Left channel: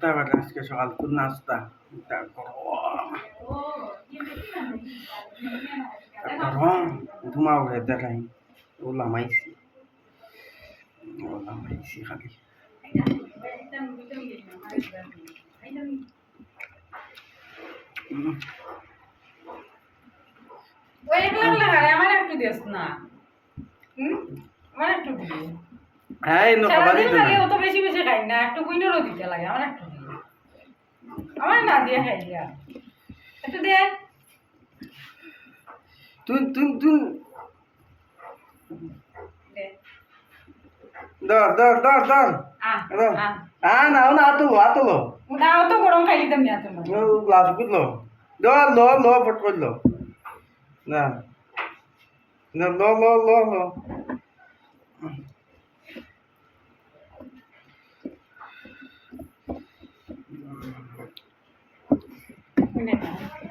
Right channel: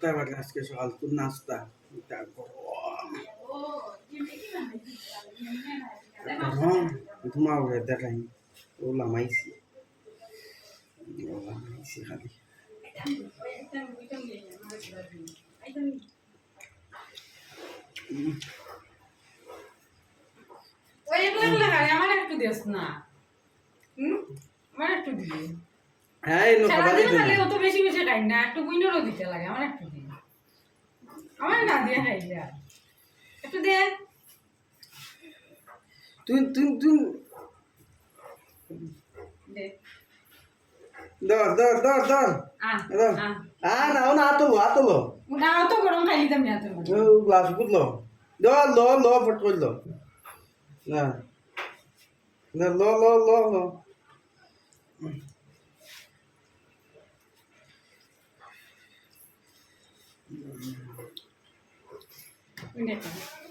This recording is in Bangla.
তারপর আজকে সকাল তো নাস্তা তারপর ঘুমাও রে দেখাই ও লামাইছি খালি আমার একটু দিস না আমার একটু দিবি হ্যাঁ এলো খাবার দিতে না অত বেশি বেশি খাই না একটু বুইনেরও দিতে লাগে আমার একটু দিবি আমার না দিয়ে খাই যা একটু দে তুই তুই তুই দে দর দর দর দর না আতলো ওটা অত গরম খাই দিতাম না তোমার গ্লাস বুঝলো দর লো লো ফট করলো না না লো লো লো লো বুঝলে